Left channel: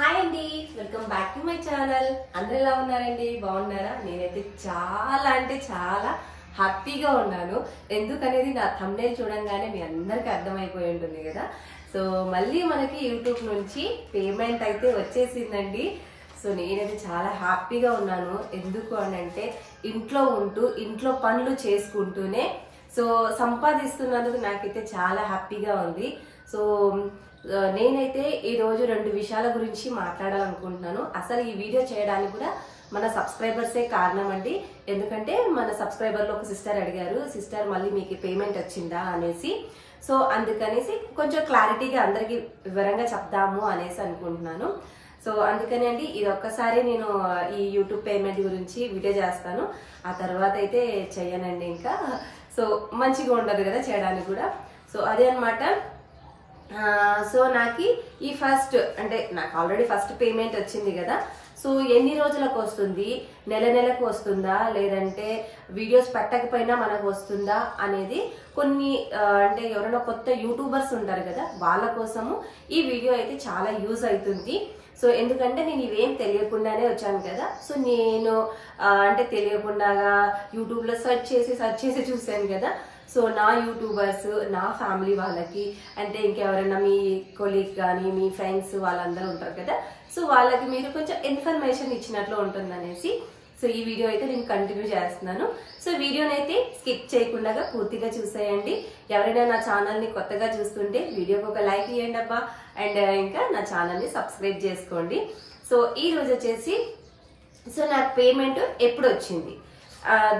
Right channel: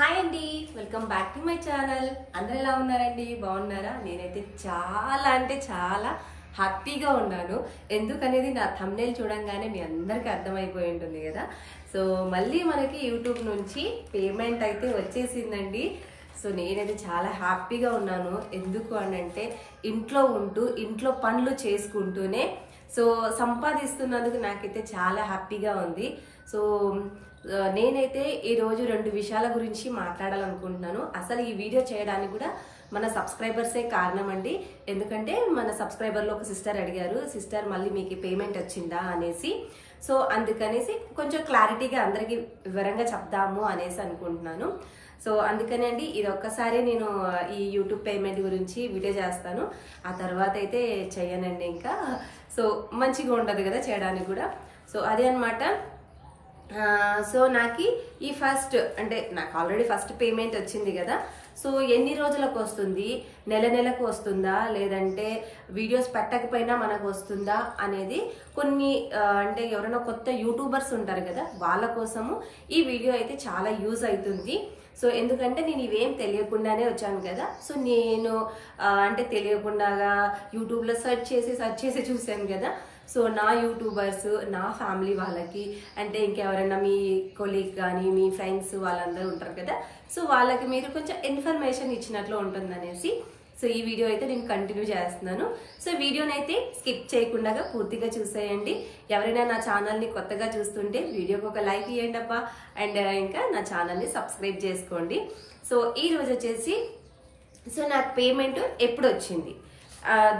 Hi అండి, welcome back to my channel. అందరు ఎలా ఉన్నారండి? బాగున్నారా? నేనైతే చాలా అంటే చాలా హ్యాపీగా ఉన్నాను. ఎందుకనేది నా థంబ్నెయిల్ చూడంగానే మీ అందరికీ అర్థమైపోయి ఉంటుంది కదా. సో మళ్ళీ మనకి యూట్యూబ్ నుంచి పేమెంట్ అయితే వచ్చేసిందండి. సో నేనైతే చాలా హ్యాపీగా ఉన్నాను. ఎందుకు అంటే ఇంట్లో ఉంటూ ఇంట్లో పనులు చేసుకుంటూనే సో సంపాదిస్తున్నందుకు నాకైతే చాలా హ్యాపీగా ఉంది. సో నేనైతే ఈరోజు 2 విషయాల గురించి మాట్లాడాలనుకుంటున్నాను. అసలు ఈ వీడియో చేయడానికి కూడా మన సబ్స్క్రైబర్సే కారణం అండి. ఎందుకంటే మన సబ్స్క్రైబర్లో ఒక సిస్టర్ అడిగారు, సిస్టర్ మళ్ళీ మీకు పేమెంట్ వచ్చిందా అనేసి. సో అందుకనేసి కొంచెం క్లారిటీగా అందరికి వివరంగా చెప్దాము అనేసి అనుకుంటున్నాను. సో అందుకని అండి ఇది ఒక్కసారి నేను ఈ యూట్యూబ్ పేమెంట్ గురించి వీడియో చేస్తాను. ఆ తర్వాత అయితే చెయ్యనండి ఇంకా. సో మంచిగా ఉండదు కదా చేయడానికి కూడా. సో అదే అనమాట. సో నాకు ఈ ఫస్ట్ అంటే నాకు ఆల్రెడీ ఫస్ట్ పేమెంట్ వచ్చింది కదా. సో ఎన్ని రోజులకు వస్తుంది, నెలకు వస్తుందా, లేదంటే వీడియోస్ పెట్టకపోయినా మనకు వస్తుందా అనేది కొన్ని అంటే ఎవరైనా కొత్త యూట్యూబర్స్ ఉంటారు కదా, వాళ్ళ కోసము ఈ వీడియో అయితే చాలా యూజ్ అవుతుంది. సో ఎందుకంటే నేను ఇవేం తెలియకుండానే వచ్చాను కదా. సో నేను అంటే తెలియకుండాగా యూట్యూబ్లో సెర్చ్ చేసి చూశాను కదా. సో నా యూట్యూబర్స్, నా ఫ్యామిలీ వాళ్ళకి అంటే ఇంకెవరైనా మీ కొలీగ్ కానీ మీ ఫ్రెండ్స్ వాళ్ళందరూ ఉంటారు కదా. సో వాళ్ళకి మీరు కొంచెం ఇన్ఫర్మేషన్ ఇచ్చినట్లు ఉంటుందనేసి సో ఈ వీడియో అయితే నేను కంటిన్యూ చేస్తున్నాను. సో వీడియోని అయితే స్కిప్ చేయకుండా పూర్తిగా చూసేయండి. ఎవరైనా నా ఛానల్ని కొత్తగా చూస్తుంటే వీడియోకి ఒక లైక్ ఇవ్వండి అబ్బా. అండ్ ఇంకా నా ఛానల్ని సబ్స్క్రైబ్ చేసుకోండి. సో ఈ రోజు వచ్చేసి సో నాకు పేమెంట్ ఎప్పుడు వచ్చింది,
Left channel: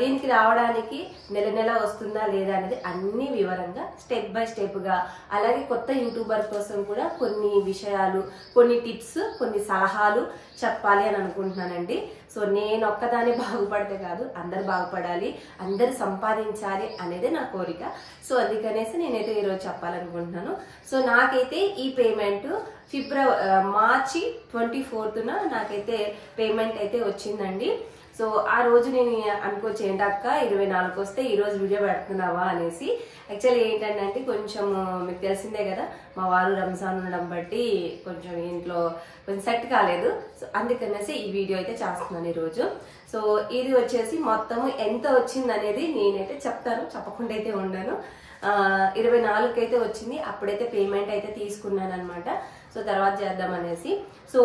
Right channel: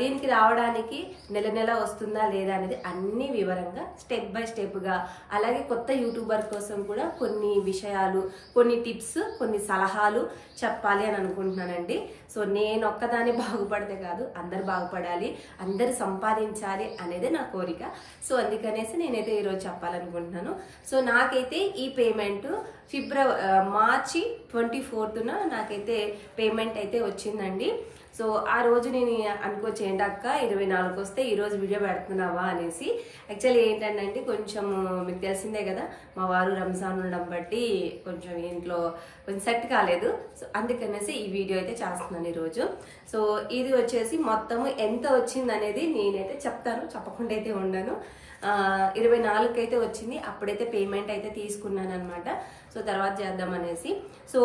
దీనికి రావడానికి నెల వస్తుందా లేదా అనేది అన్ని వివరంగా స్టెప్ బై స్టెప్గా, అలాగే కొత్త యూట్యూబర్ కోసం కూడా కొన్ని విషయాలు, కొన్ని టిప్స్, కొన్ని సలహాలు చెప్పాలి అని అనుకుంటున్నానండి. సో నేను ఒక్కదాన్ని బాగుపడితే కాదు, అందరు బాగుపడాలి, అందరు సంపాదించాలి అనేది నా కోరిక. సో అందుకనేసి నేనైతే ఈరోజు చెప్పాలనుకుంటున్నాను. సో నాకైతే ఈ పేమెంట్ మార్చి 24న నాకైతే పేమెంట్ అయితే వచ్చిందండి. సో ఆ రోజు నేను అనుకోవచ్చు ఏంటక్క 24 వస్తే ఈరోజు వీడియో పెడుతున్నావా అనేసి. యాక్చువల్లీ ఏంటంటే కొంచెం మీకు తెలిసిందే కదా, మా వారు రంజాన్ ఉండడం బట్టి కొంచెం ఇంట్లో కొంచెం సెట్ కాలేదు. సో అందుకనేసి ఈ వీడియో అయితే చేస్తున్నాను ఈరోజు. సో ఇది వచ్చేసి మొత్తము ఎంత వచ్చింది అనేది నేనైతే చెప్తాను, చెప్పకుండా అయితే ఉండను. 24కి అయితే వచ్చింది. అప్పుడైతే పేమెంట్ అయితే తీసుకున్నాను అనమాట. సో తర్వాత చేద్దాం అనేసి. సో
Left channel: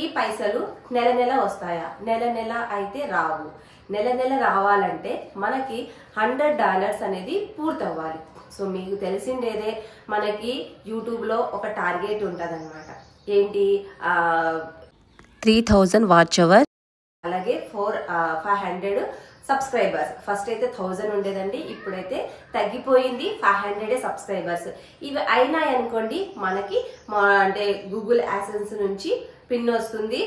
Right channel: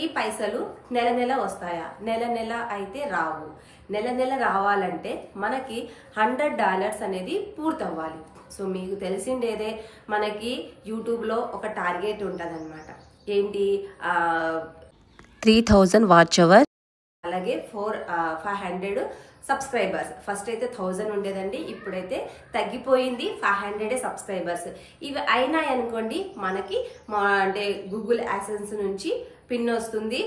ఈ పైసలు నెల వస్తాయా? నెల అయితే రావు. నెల రావాలంటే మనకి $100 అనేది పూర్తవ్వాలి. సో మీకు తెలిసిండేదే, మనకి యూట్యూబ్లో ఒక టార్గెట్ ఉంటుంది అనమాట. ఏంటి, 3000 వాచ్ అవర్, అలాగే 500 సబ్స్క్రైబర్స్. ఫస్ట్ అయితే 1000 ఉండేదండి, ఇప్పుడైతే తగ్గిపోయింది 500 సబ్స్క్రైబర్స్. ఇవి అయినాయి అనుకోండి, మనకి అంటే గూగుల్ యాడ్సెన్స్ నుంచి పిన్ వస్తుంది.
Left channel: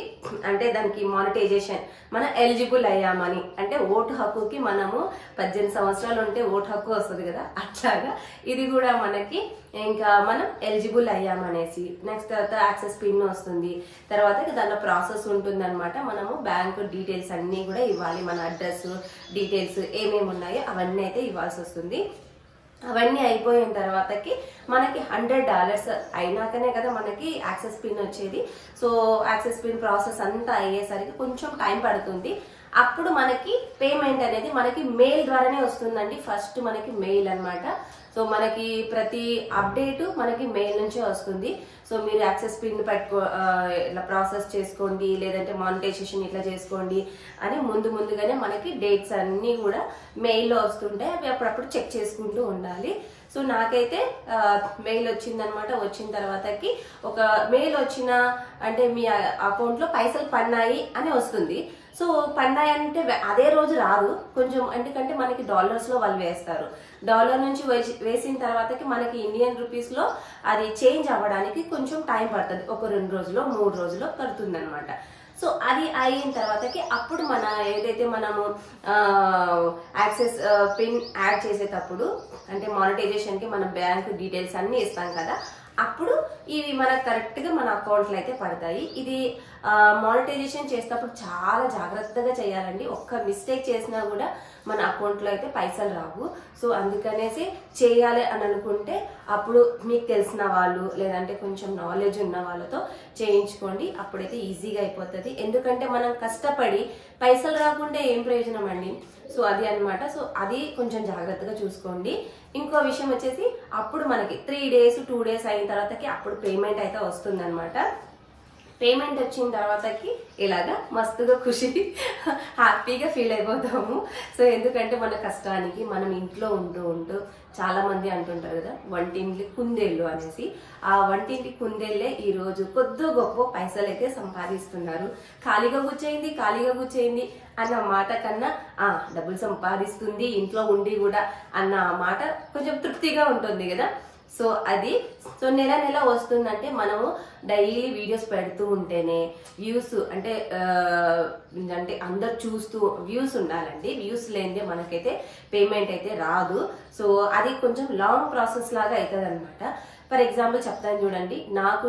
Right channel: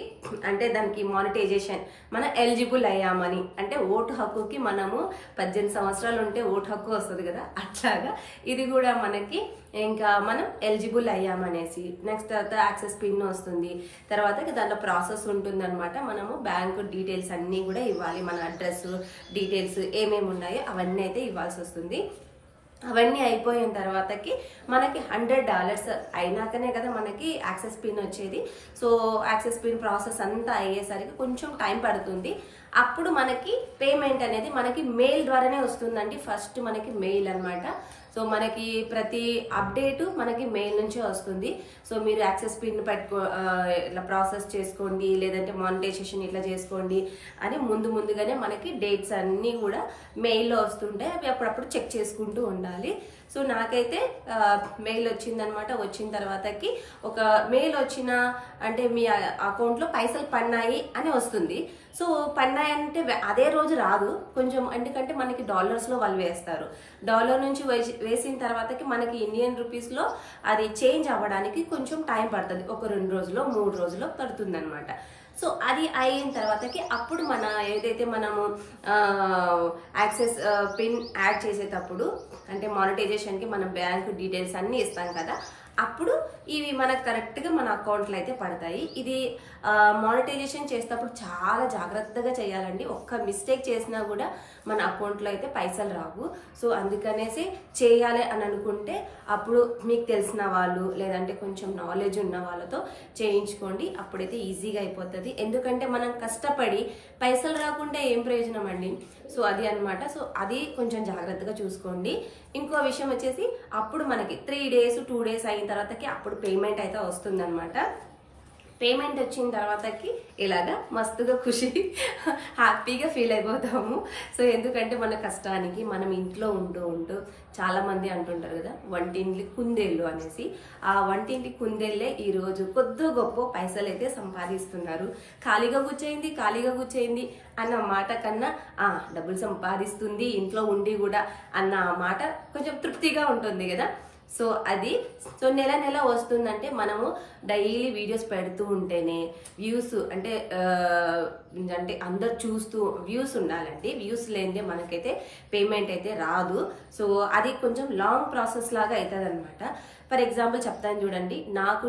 అంటే దానికి మానిటైజేషన్ మనం ఎలిజిబుల్ అయ్యామని, అంటే ఓటు హక్కుకి మనము 18 సంవత్సరాలు ఉంటే ఓటు హక్కు వస్తుంది కదా, అట్లాగా ఇది కూడా మనకి ఇంకా మనం ఎలిజిబుల్ అయ్యామనేసి. నెక్స్ట్ తర్వాత యాక్సెస్ పిన్ వస్తుంది. తర్వాత దాంట్లో ప్రాసెస్ ఉంటుంది అనమాట. మనము బ్యాంకు డీటెయిల్స్ అన్నీ కూడా ఇవ్వాలి, మన అడ్రస్ డీటెయిల్స్ ఏమేమి ఉన్నాయో అవన్నీ అయితే ఇవ్వాల్సి వస్తుంది. అవన్నీ అయిపోయిన తర్వాతకి మనకి $100 అయినాకనే కదా మనకి యాక్సెస్ పిన్ వచ్చేది. సో యాక్సెస్ పిన్ ప్రాసెస్ అంతా అయ్యేసరికి కొంచెం టైం పడుతుంది. అప్పుడు మనకి పేమెంట్ అనేది మనకి మెయిల్ ద్వారానే వస్తుందండి. ఫస్ట్ మనకి మెయిల్ అనమాట. సో మనకి ప్రతి అప్డేటు మనకి మెయిల్ నుంచే వస్తుంది. సో మీరు యాక్సెస్ పిన్ ఇట్లా ప్రాసెస్ చేసుకోండి, లేదంటే మానిటైజేషన్ ఇట్లా చేసుకోండి అని ముందుగానే మనకి డేట్స్ అన్నీ కూడా మెయిల్లో వస్తుంటాయి. అవి అప్పుడప్పుడు చెక్ చేసుకుంటూ ఉండాలి. సో నాకైతే మెయిల్ వచ్చిందనమాట. వచ్చిన తర్వాతకి ఒక మెయిల్ వచ్చిన అంటే మీ అకౌంట్లో పైసలు పన్నాయి అని వస్తుంది. సో పన్నాయి అంటే అదే రోజు రాదు కొంచెం, ఎందుకంటే మనకి డాలర్స్లో వాళ్ళు వేస్తారు. డాలర్ నుంచి వేసిన తర్వాతకి మనకి ఇండియన్ రూపీస్లో అది చేంజ్ అవ్వడానికి కొంచెం టైం పడుతుంది. ఒక 2 రోజులో 3 రోజులో పడుతుంది అనమాట. సో అది అయిన తర్వాతకి అప్పుడు మన ఏదైతే మనము యాక్సెస్ పిన్ యాడ్ చేసేటప్పుడు అంటే మానిటైజేషన్కి మనం బ్యాంక్ డీటెయిల్స్ అన్నీ ఇస్తాం కదా, అప్పుడు ఇవి మనకు కరెక్ట్గా మన అకౌంట్లో అయితే పడతాయి. ఇది మానిటైజేషన్ చేసేటప్పుడు చాలా జాగ్రత్తగా చేయాలండి. ఒక్క మిస్టేక్ చేసినా కూడా మన అకౌంట్లో అయితే పైసలు రావు. సో అందుకనేసి చేయాలి అని అనుకుంటే అప్పుడు మీకు తెలిసిన వాళ్ళు లేదంటే కొంచెం నాలెడ్జ్ ఉన్న వాళ్ళతో చేయించుకోండి. అప్పుడైతే ఈజీగా అయిపోతుంది. ఎందుకంటే మనం కష్టపడి పైసలు రాకుండా ఏం ప్రయోజనం అండి. సో అది అన్నమాట. సో అది కొంచెం జాగ్రత్తగా చూసుకోండి. ఇంకో విషయం వచ్చేసి అప్పుడు మనకి 3 days 2 days అయిన తర్వాతకి అప్పుడు పేమెంట్ అయితే వస్తుంది అనమాట. పేమెంట్ వచ్చిన తర్వాతకి ఇలాగా మస్తుగా ఖుషి హ్యాపీగా ఫీల్ అయిపోతాము. సో ఎందుకంటే మన కష్టానికి మనం ఇంట్లో ఉంటూ చాలా మంది అంటుంటారు కదా వంటింటి కుందేళ్ళు అనేసి. ఆ వంటింటి కుందేళ్ళే ఈరోజు కొద్ది గొప్ప పైసలు అయితే సంపాదిస్తున్నారు. ఖాళీగా కూర్చోయింది అన్న మాట కన్నా డబ్బులు సంపాదిస్తుంది ఇంట్లో ఉండి కూడా అన్న మాట కొంచెం తృప్తిగా ఉంటుంది కదా. సో అది నెల వస్తుందంటే మనము డైలీ వీడియోస్ పెడుతూ ఉంటేనే వ్యూస్ అంటే అందరు చూస్తూ వ్యూస్ ఉండాలండి. వ్యూస్ లేనిదే మనకైతే పేమెంట్ అయితే రాదు. సో అది కొంచెం లాంగ్ ప్రాసెస్ లాగా అవుతుంది అనమాట. ఫర్ ఎగ్జాంపుల్ చెప్తాను చూడండి. నాకు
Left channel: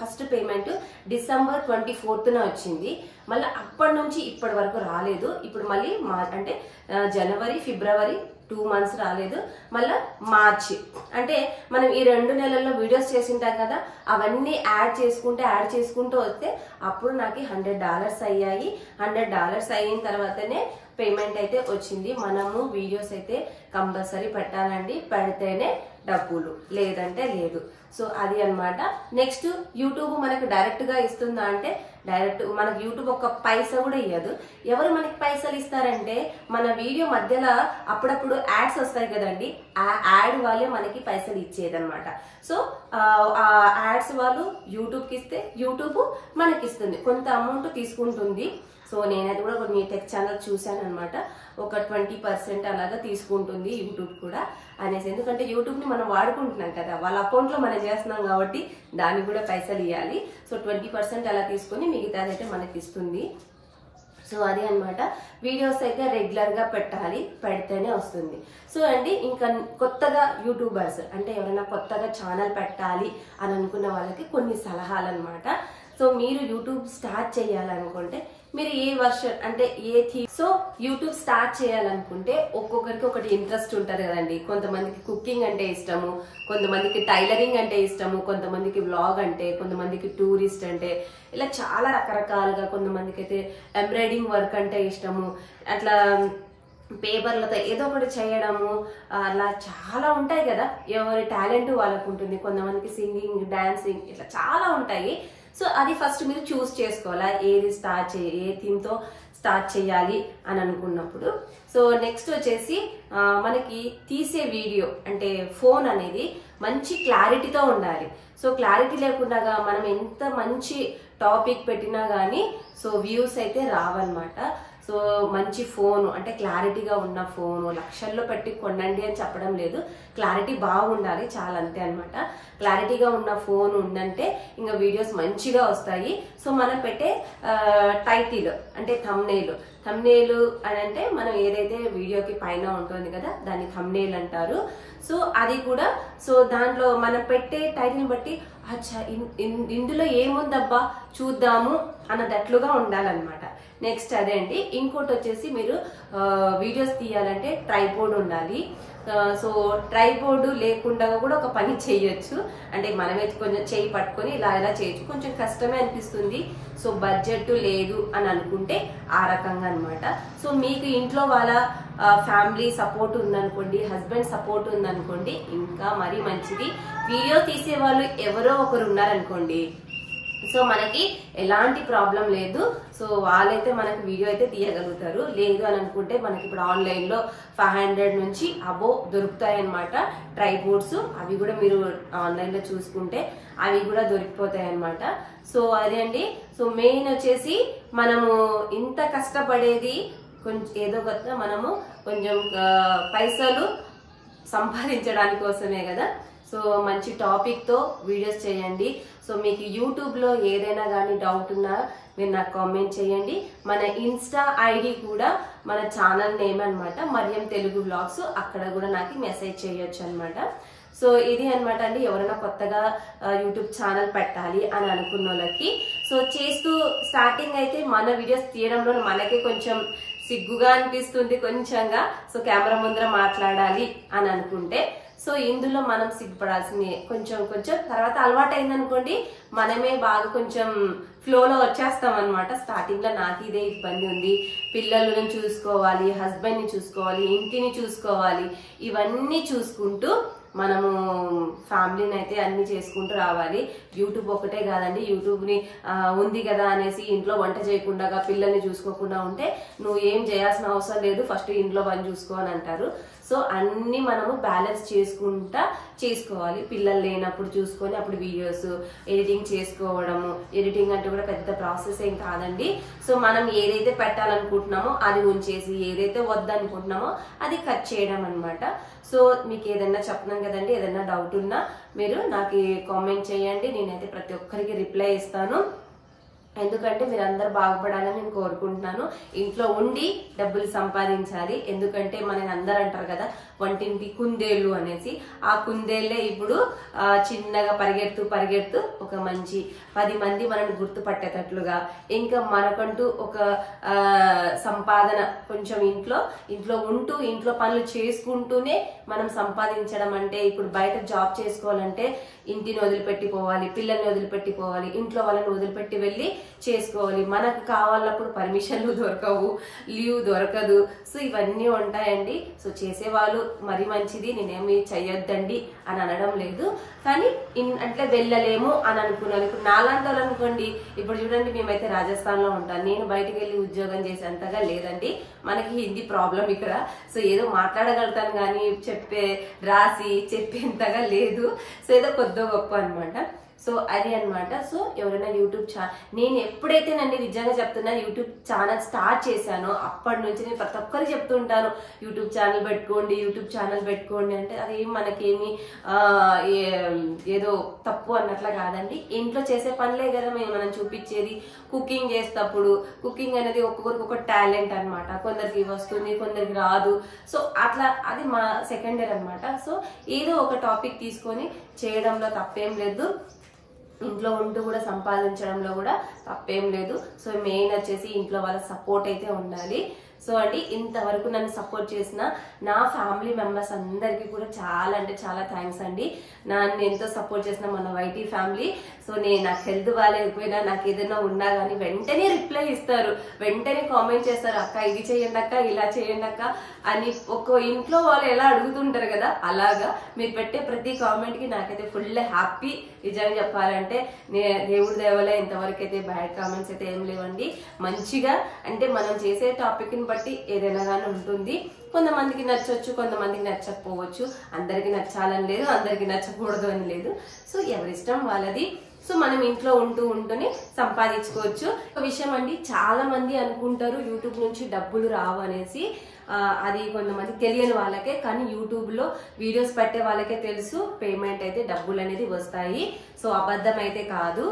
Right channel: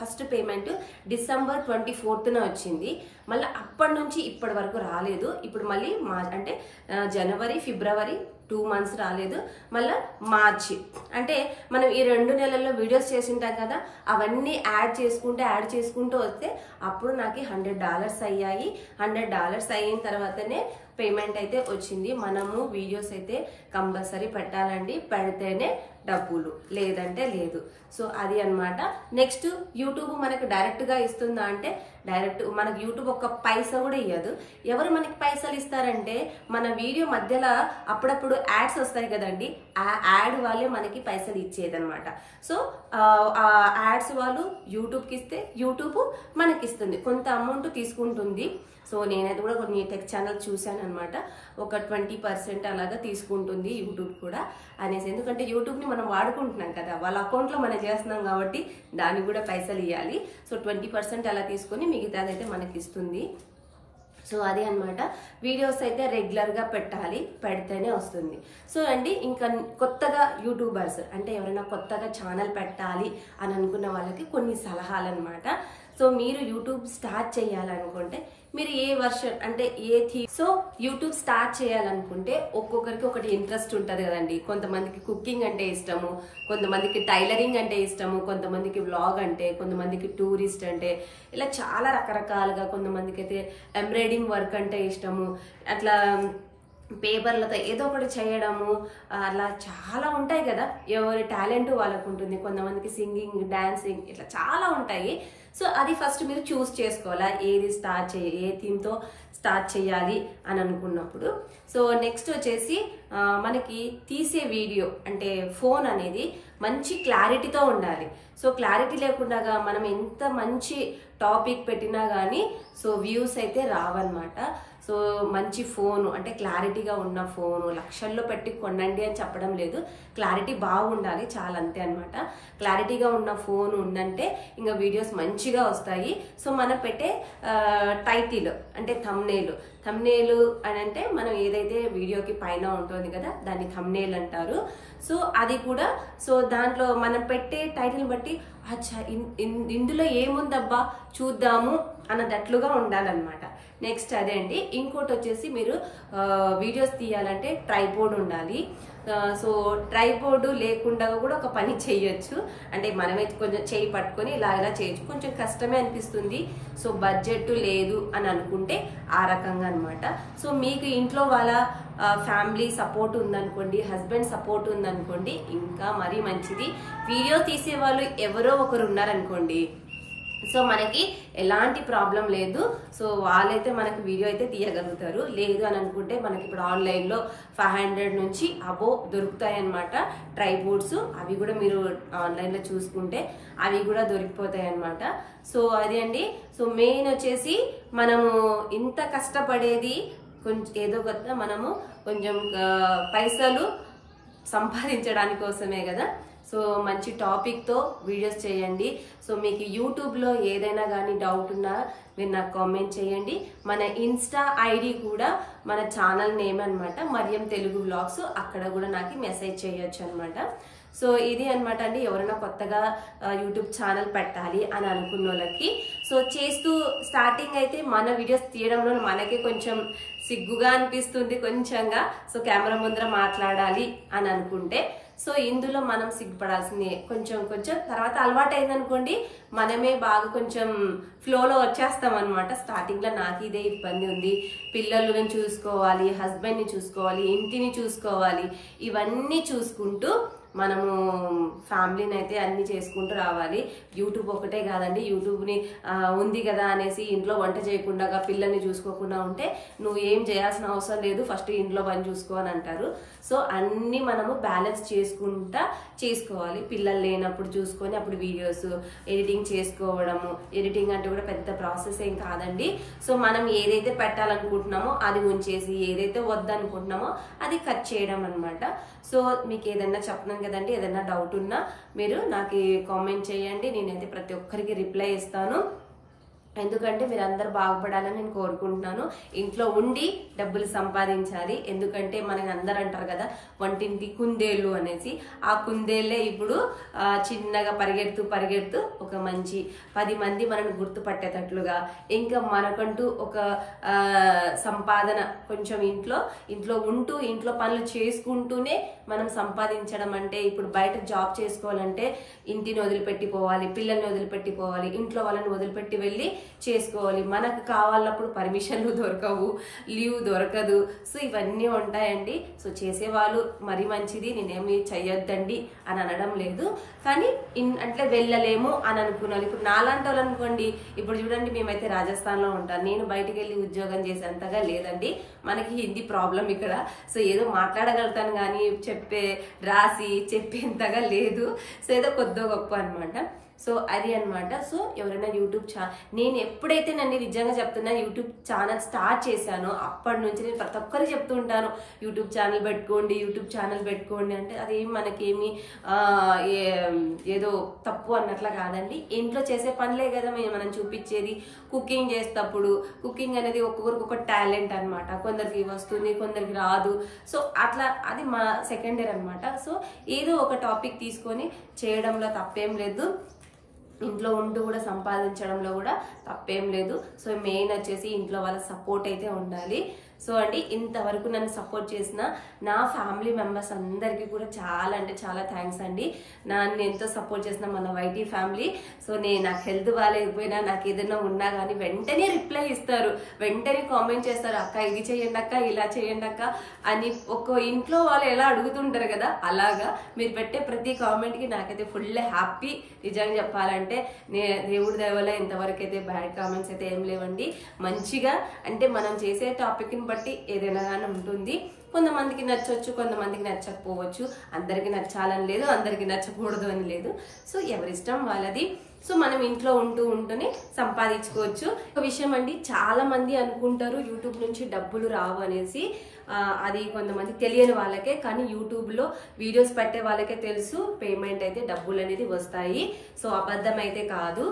ఫస్ట్ పేమెంట్ December 24th వచ్చింది. మళ్ళీ అప్పటి నుంచి ఇప్పటి వరకు రాలేదు. ఇప్పుడు మళ్ళీ అంటే January February 2 months రాలేదు. మళ్ళీ మార్చి అంటే మనం ఈ 2 నెలల్లో వీడియోస్ చేసింటాం కదా, అవన్నీ యాడ్ చేసుకుంటూ వస్తే అప్పుడు నాకు $100 అయ్యాయి. $100 అయిన తర్వాతనే పేమెంట్ అయితే వచ్చింది. మనము వీడియోస్ అయితే కంపల్సరీ పెట్టాలండి. పెడితేనే డబ్బులు, లేదంటే లేదు. సో అది అన్నమాట. నెక్స్ట్ యూట్యూబ్ మనకు డైరెక్ట్గా ఇస్తుందా అంటే డైరెక్ట్ మనకు యూట్యూబ్ ఒక్క పైసా కూడా ఇవ్వదు. ఎవరు మనకి పైసలు ఇస్తారంటే మన వీడియో మధ్యలో అప్పుడప్పుడు యాడ్స్ వస్తాయి కదండి, ఆ యాడ్ వాళ్ళే మనకి పైసలు ఇచ్చేదన్నమాట. సో ఆ యాడ్స్ వాళ్ళు యూట్యూబ్కి ఇస్తే యూట్యూబ్ మనకి ఇస్తుంది, కొంత అమౌంట్ తీసుకుంటుంది. సో నేనైతే కూడా కొన్ని టెక్ ఛానల్ చూశాను అనమాట. ఒక 20% అలాగా తీసుకుంటుంది యూట్యూబ్ కూడా అనేసి. ఎందుకంటే యూట్యూబ్ని మనం వాడుకుంటున్నాం కదా, వాళ్ళ అకౌంట్లో మనం చేస్తున్నాం కాబట్టి దానికి కూడా పైసలు ఇవ్వాలి. సో 20% అలా తీసుకొని మిగతాదైతే మనకి ఇస్తుంది. సో అది అన్నమాట. వీడియోస్ అయితే రెగ్యులర్గా పెట్టాలి, పెడితేనే వస్తుంది. సో అండి ఇంకా కొత్తగా యూట్యూబర్స్ అంటే ఎవరైనా కొత్తగా ఛానల్ పెట్టాలి అని అనుకున్న వాళ్ళకి కొన్ని సలహాలు అనమాట. సో మీరు యూట్యూబ్ స్టార్ట్ చేయాలనుకుంటే మీరు ఏ వర్షన్ అంటే సో యూట్యూబ్ స్టార్ట్ చేయాలనుకుంటే ఒక్కొక్కరికి ఒకటి ఇంట్రెస్ట్ ఉంటుంది కదండి. కొంతమందికి కుకింగ్ అంటే ఇష్టము, కొంతమందికి టైలరింగ్ అంటే ఇష్టము, కొంతమందికి వ్లాగ్ అంటే, కొంతమందికి టూరిస్ట్ అంటే, ఇలా చాలా రకరకాలుగా. కొంతమందికి అయితే ఎంబ్రాయిడింగ్ వర్క్ అంటే ఇష్టము, అట్లా పేపర్లతో ఏదో ఒకటి చేయడము, అలా చాలా ఉంటాయి కదా. ఎవరి టాలెంట్ వాళ్ళకు ఉంటుంది. కొంతమందికి సింగింగ్, డాన్సింగ్ ఇట్లా చాలా ఉంటాయి. సో అది ఫస్ట్ మీరు చూస్ చేసుకోవాలా, ఏది ఏ థీమ్తో స్టార్ట్ చేయాలి అని అనుకున్నప్పుడు. సో నెక్స్ట్ వచ్చేసి మనకి తీసే వీడియో అంటే ఫోన్ అనేది మంచి క్లారిటీతో ఉండాలి. సో క్లారిటీ లేకుండా మనం ఎంత మంచి టాపిక్ పెట్టినా కానీ సో వ్యూస్ అయితే రావన్నమాట. సో మంచి ఫోను అంటే క్లారిటీగా ఉన్న ఫోను లక్షల్లో పెట్టి కొనండి అని చెప్పడం లేదు, క్లారిటీ బాగుండాలి చాలా, అంతే అనమాట. క్లారిటీగా ఉన్న ఫోన్ ఉందంటే ఇంకా వీడియోస్ మంచిగా వస్తాయి. సో మనం పెట్టే టైటిల్ అంటే థంబ్నెయిల్ అని అంటే మనం ఏదైతే వీడియోకి పైన ఉంటుంది కదా దాన్ని థంబ్నెయిల్ అంటారు. సో అది కూడా సో దాంట్లో మనం పెట్టే టైటిల్ బట్టి అచ్చా ఇందులో ఏముందబ్బా చూద్దాము అన్నదట్లుగా ఉండాలన్నమాట. నెక్స్ట్ అదే అండి. ఇంకోటి వచ్చేసి మీరు వీడియోస్ తీయాలంటే ట్రైపోర్డ్ ఉండాలి. సో ట్రైపోర్డ్ లేకుండా కూడా ఒక పని చేయొచ్చు. అంటే మనమే కొంచెం చేయి పట్టుకొని ఇలా చేయొచ్చు, కొంచెం కష్టమే అనిపిస్తుంది. సో బడ్జెట్ లేదు అని అనుకుంటే ఆ రకంగా అనమాట. సో మీకు ఇంట్లో వాళ్ళ ఫ్యామిలీ సపోర్ట్ ఉందనుకోండి, హస్బెండ్ సపోర్ట్ ఉందనుకోండి, ఇంకా మరీ మంచిది. వీడియో తీసే వాళ్ళు ఎవరో ఒకరు ఉన్నారనుకోండి, సో మనకి ఎలాంటి ప్రాబ్లం లేదు. సో వాళ్ళైతే మనకి వీడియో అయితే తీయగలుగుతారు. లేదు అని అనుకుంటే మనకి ఇప్పుడు ఆన్లైన్లో 500 నుంచి అబో దొరుకుతాయి అన్నమాట ట్రైపోర్డ్స్. అవి కూడా మీరు ఆన్లైన్లో చూసుకుంటే అవి కూడా దొరికిపోతాయి అన్నమాట. సో అదే అండి. సో మెయిన్ వచ్చేసి మనము ఇంత కష్టపడేది కొంచెం ఏదో కొత్త మనము కొంచెం పైసలు సంపాదించడానికి కోసమే కదా. సో మంచి టాపిక్తో వీడియోస్ చేయండి. సో మీకు యూట్యూబ్లో ఏదైనా కానీ డౌట్ ఉన్నా మీరు నాకు కామెంట్ చేయండి. మన ఇన్స్టా ఐడి కూడా మన ఛానల్ నేమ్ అనమాట, మరియం తెలుగు వ్లాగ్స్. అక్కడ కూడా నాకు మెసేజ్ చేయొచ్చు అనమాట. సో ఇది అన్నమాట అండి, ఎవరైనా కొత్తగా యూట్యూబ్ ఛానల్ పెట్టాలి అని అనుకున్న వాళ్ళకి. సో చేస్తూ స్టార్టింగ్ అయితే మన వీడియోస్ తీయడంలో మనకే కొంచెం సిగ్గుగా అనిపిస్తుంది కొంచెంగా. సో కెమెరా ముందర మాట్లాడాలి అని అనుకుంటే సో ఇందులో మనం సిగ్గుపడాల్సింది కొంచెం కొంచెం. తర్వాత అలవాటు అయిందనుకోండి మనమే బాగా కొంచెం ఫ్లోలో వచ్చేస్తాం అనమాట. స్టార్టింగ్ లో నాకు ఇదే ఇబ్బంది ఉంది, పిల్లలను చూసుకోవాలి, హస్బెండ్ ని చూసుకోవాలి, ఇంటిని చూసుకోవాలి, ఇవన్నీ చూసుకుంటూ మనము ఫ్యామిలీని అయితే అన్ని చేసుకుంటూ రావాలి. యూట్యూబ్ ఒకటే కాదండి, యూట్యూబ్ని ఉంది కదా అనేసి ఇంట్లో వంట చేయకుండా పిల్లల్ని చూసుకోకుండా ఉంటే నువ్వు ఏం చేయాల్సిన అవసరం లేదు, ఫస్ట్ ఇంట్లో పని చూసుకో అని అంటారు. సో అన్ని మనము బ్యాలెన్స్ చేసుకుంటా చేసుకోవాలి. పిల్లలు లేనప్పుడు చూసుకొని అప్పుడు వీడియోస్ ఎడిటింగ్ చేసుకోవడము. ఎడిటింగ్ అంటే కూడా పెద్ద ప్రాసెస్ ఏం కాదండి. సో మనం ఏదైతే పెట్టాలనుకుంటున్నామో అది ఉంచేసి ఏదైతే వద్దనుకుంటున్నామో అది కట్ చేయడం అనమాట. సో మీకు ఏదైనా చెప్తున్నాను కదండి, ఏదైనా డౌట్ ఉన్నా మీరు నాకు కామెంట్ చేయండి, నేనైతే ప్రతి ఒక్కరికి రిప్లై ఇస్తాను. ఎందుకంటే మీరు అందరు బాగుపడాలని నేను కోరుకుంటున్నాను. ఇంట్లో ఉండి డబ్బులు సంపాదించాలి. ఎందుకంటే మన అందరు అంటారు కదా వంటింటి కుందేళ్ళు అనేసి, ఆ కుందేళ్లే ఇప్పుడు చిన్నగా పరిగెడుతూ ఒక మంచి 10 మంది మనల్ని గుర్తుపట్టేటట్లుగా, ఇంకా మనకంటూ ఒక సంపాదన కొంచెం ఇంట్లో ఉంటూ ఇంట్లో పనులు చేసుకుంటూనే మనం సంపాదించడం అంటే, ఇప్పుడు బయట జాబ్ చేసుకోవాలంటే ఇంటిని వదిలిపెట్టి పోవాలి, పిల్లల్ని వదిలిపెట్టి పోవాలి, ఇంట్లో వాళ్ళని వదిలిపెట్టి వెళ్ళి చేసుకోవాలి. మనకు కావాలన్నప్పుడు పర్మిషన్లు దొరకవు, లీవ్ దొరకదు. సో ఇవన్నీ ఉంటాయండి. సో చేసేవాళ్ళు మరి మంచిది, నేనేమి చెయ్యొద్దండి అని అనడం లేదు. కానీ అంటే వెళ్ళలేము అని అనుకున్నాను. ఇప్పుడు నాలాంటి వాళ్ళు అనుకోండి, ఇప్పుడు చూడండి మేమైతే రాజస్థాన్ లో ఉంటాం, నేను బయటికి వెళ్ళి ఉద్యోగం చేసేంతగా లేదండి. మనకి హిందీ ప్రాబ్లం ఇక్కడ. సో ఏదో మాట్లాడగలుగుతాను కానీ రాసి చెప్పేంతగా లేదు. సో ఏదో కొద్దో గొప్ప అనమాట. సో అది అనమాట. సో ఎవరైనా యూట్యూబ్ నేను ఎప్పుడైతేనండి నిజంగా చెప్తున్నా యూట్యూబ్ ఛానల్ స్టార్ట్ చేశానో అప్పటి నుంచి నేను ప్రతి ఒక్కరికి చెప్తూ ఉంటాను, యూట్యూబ్ ఛానల్ పెట్టుకోండి అంటే అది మనకేమి ఏదో తప్పు అన్నట్లా కాదండి. ఇంట్లో చేసే పనులే కదా మనం చూపించేది. కుకింగ్ చేసేటప్పుడు కుకింగ్ అనేది ఒక్కొక్కరికి ఒక టాలెంట్ అనమాట. కొందరికి వస్తుంది, కొందరికి రాదు. సో అట్లా అది మా సెకండ్ ఇయర్ అనమాట. సో ఏదో ఒక టాపిక్ తీసుకొని చేయడంలో తప్పేం లేదు, ఇంట్లో ఉంటూ కూడా సంపాదించడంలో కూడా తప్పేం లేదు. సో మెయిన్ వచ్చేసి ఇంట్లో వాళ్ళ సపోర్ట్ అయితే ఉండాలి. సో అండి ఇంతవరకు నన్ను సపోర్ట్ చేసిన నా ఫ్యామిలీ మెంబర్స్ అందరికీ కూడా చాలా అంటే చాలా థ్యాంక్స్ అండి. నన్ను ఎంతో సపోర్ట్ చేసిన మన వైటీ ఫ్యామిలీ. సో నాకు హెల్త్ బాగాలేకపోయినా, నాకు ఏదైనా ఉన్నా కానీ వెంటనే రిప్లై ఇస్తారు, వెంటనే కామెంట్ చేస్తారు, అక్క ఇది చేయండి అక్క, ఇలా చేయండి అక్క అని. ఒక్కో ఇంట్లో వాళ్ళు ఎలా అడుగుతుంటారు కదా, అలాగా మీరు పెట్టే ప్రతి కామెంట్కి నాకైతే ఫుల్ హ్యాపీ. నిజంగా చెప్పాలంటే దేవుడి దయవల్ల ఇంతవరకు అయితే బ్యాడ్ కామెంట్స్ అయితే ఏం లేవండి. మంచిగా అంటే మనం చేసే టాపిక్ని బట్టి ఏదైనా కానీ ఉంటుంది. కొంతమందికి నచ్చవచ్చు, కొంతమందికి నచ్చకపోవచ్చు. అందరికి నచ్చాలని లేదు, అందరికి నచ్చకూడదు అని లేదు. సో ఎవరిష్టం వాళ్ళది. సో మనం ఇంట్లో ఉంటూనే సంపాదించుకోవచ్చు. ఒక విషయం అండి, చాలా మంది అనుకుంటారు యూట్యూబ్ నుంచి డబ్బులు రావు అనేసి. అది కొంతమంది తెలియని వాళ్ళకే, కానీ యూట్యూబ్లో వీడియోస్ పెట్టే వాళ్ళకే తెలుసు పేమెంట్ అయితే డబ్బులు అనేది వస్తాయి. సో అబద్ధం అయితే కాదు.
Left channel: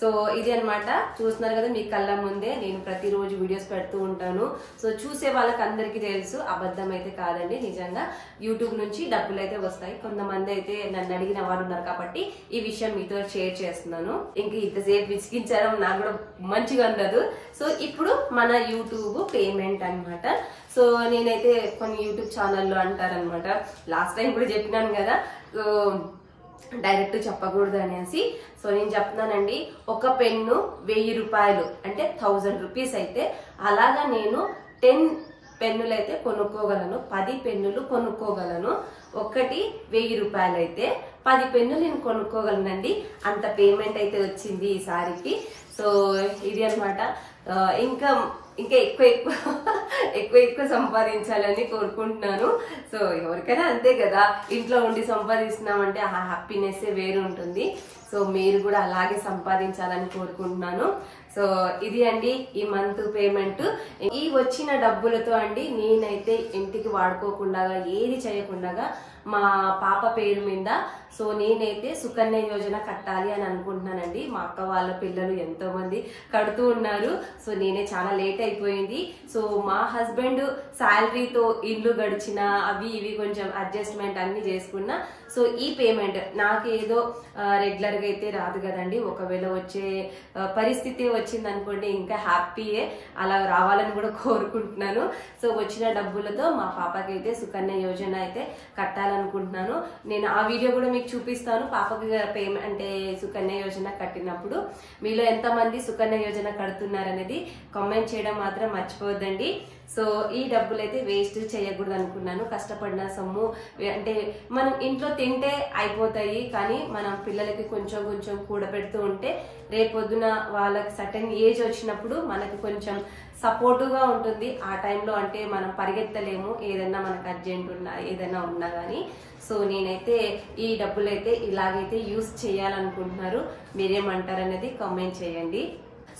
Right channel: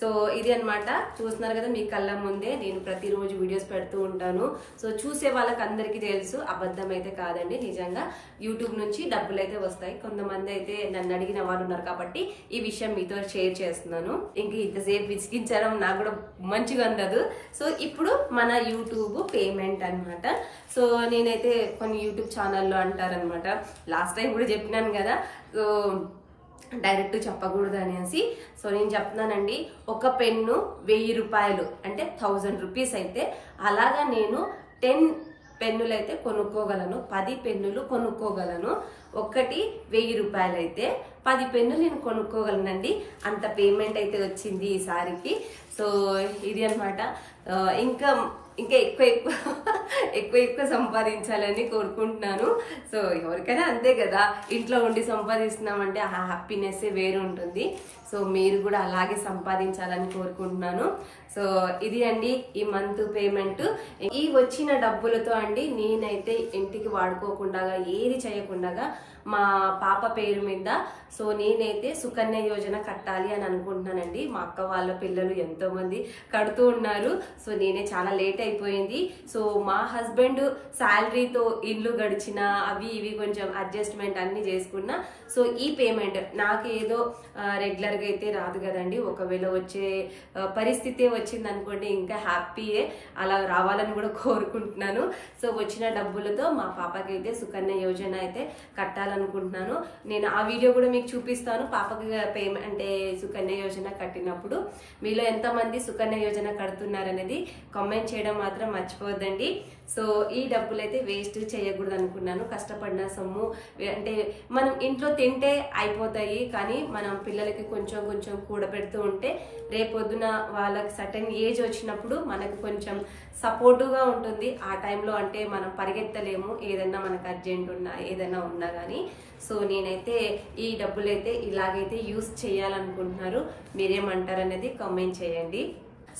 సో ఇది అనమాట, చూస్తున్నారు కదా మీ కళ్ళ ముందే నేను ప్రతిరోజు వీడియోస్ పెడుతూ ఉంటాను. సో చూసే వాళ్ళకి అందరికీ తెలుసు, అబద్ధం అయితే కాదండి. నిజంగా యూట్యూబ్ నుంచి డబ్బులు అయితే వస్తాయి. కొంతమంది అయితే నన్ను అడిగిన వాళ్ళు ఉన్నారు కాబట్టి ఈ విషయం మీతో షేర్ చేస్తున్నాను. ఇంక ఇంతసేపు విసిగించడం నాకు కూడా మంచిగా ఉండదు. సో ఇప్పుడు మన యూట్యూబ్ పేమెంట్ అనమాట. సో నేనైతే కొన్ని యూట్యూబ్ ఛానల్లో అంటారనమాట, లాస్ట్ టైం కూడా చెప్పినాను కదా, సో డైరెక్ట్ చెప్పకూడదు అనేసి. సో నేను చెప్తున్నానండి, ఒక పెన్ను 1000 రూపాయలు అంటే 1000 రూపీస్ అయితే, అలాగా నేను 10 పెన్నులు అయితే కొనుక్కోగలను, 10 పెన్నులు కొనుక్కోగలను. ఒకటి 1000 రూపాయలు అయితే 10 పెన్నులు నేను కొనుక్కోగలనండి. అంత పేమెంట్ అయితే వచ్చింది ఈసారికి. సో ఇది అనమాట. ఇంకా ఎక్కువ సంపాదించాలని కోరుకుంటున్నాను. సో ఎవరికైనా అంతే కదా, ఇంట్లో ఉండి సంపాదిస్తున్నామంటే ఆ హ్యాపీనెస్ వేరు ఉంటుంది. సో మీరు కూడా అలాగే సంపాదించాలని కోరుకుంటున్నాను. సో ఇది అండి ఈ మంత్ పేమెంట్. ఈ వచ్చిన డబ్బులతో అండి నేనైతే ఇంటికి వాడుకోకుండా, ఏది చేయకుండా మా పాప పేరు మీద సో నేనైతే సుకన్య యోజన కట్టాలి అని అనుకుంటున్నానండి. మా అక్క వాళ్ళ పిల్లలు ఎంతో మంది కడుతూ ఉన్నారు. సో నేనే చాలా లేట్ అయిపోయింది. సో మా హస్బెండ్ శాలరీతో ఇల్లు గడిచిన అవి ఇవి కొంచెం అడ్జస్ట్మెంట్ అన్ని చేసుకున్నా. సో ఈ పేమెంట్ నాకేదో రెగ్యులర్గా అయితే రాదు కదండి. ఒకవేళ వచ్చే పరిస్థితి వచ్చింది అనుకోండి ఇంకా హ్యాపీయే, అలా రావాలని కూడా కోరుకుంటున్నాను. సో వచ్చిన డబ్బులతో మా పాపకి అయితే సుకన్య యోజన అయితే కట్టాలనుకుంటున్నాను. నేను ఆ వీడియో కూడా మీకు చూపిస్తాను. పాపకి పేమెంట్ అంటే సుకన్య యోజన కట్టినప్పుడు మీలో ఎంతమంది సుకన్య యోజన కడుతున్నారనేది కామెంట్ చేయడం మాత్రం మర్చిపోవద్దండి. సో ఈ డబ్బులు అయితే వేస్ట్ చేయకూడదు అనుకున్నాను. కష్టపడిన సొమ్ము అంటే మనం ఇంట్లో తింటే అయిపోతాయి, కానీ మనం పిల్లలకి కొంచెం కొంచెం కూడబెడుతూ ఉంటే రేపొద్దున వాళ్ళకి సర్టెన్ ఏజ్ వచ్చినప్పుడు మనకి కొంచెం సపోర్టుగా ఉంటుంది. ఆ టైంలో అంటే మనం పరిగెత్తలేము, ఏదైనా మనకు అర్జెంట్ ఉన్నా ఏదైనా ఉన్నా కానీ. సో నేనైతే ఈ డబ్బులు అయితే ఇలాగైతే యూస్ చేయాలనుకుంటున్నారు. మీరేమంటారు అనేది కామెంట్ చేయండి.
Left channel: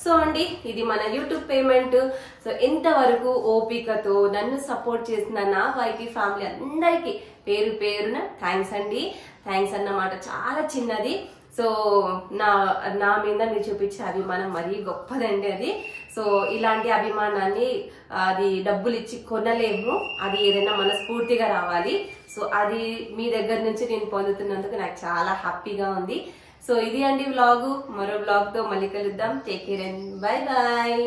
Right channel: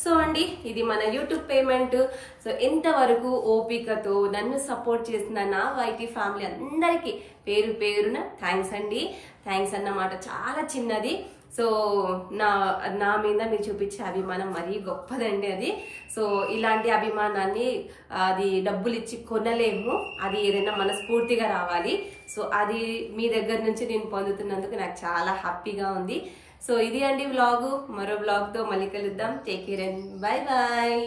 సో అండి, ఇది మన యూట్యూబ్ పేమెంట్. సో ఇంతవరకు ఓపికతో నన్ను సపోర్ట్ చేసిన నా వైటీ ఫ్యామిలీ అందరికీ పేరు పేరున థ్యాంక్స్ అండి. థ్యాంక్స్ అన్నమాట చాలా చిన్నది. సో నా మీద మీరు చూపించే అభిమానం మరీ గొప్పదండి అది. సో ఇలాంటి అభిమానాన్ని అది డబ్బులు ఇచ్చి కొనలేము, అది ఏదైనా మనస్ఫూర్తిగా రావాలి. సో అది మీ దగ్గర నుంచి నేను పొందుతున్నందుకు నాకు చాలా హ్యాపీగా ఉంది. సో ఇది అండి వ్లాగు. మరో వ్లాగ్తో మళ్ళీ కలుద్దాం. Take care and bye bye.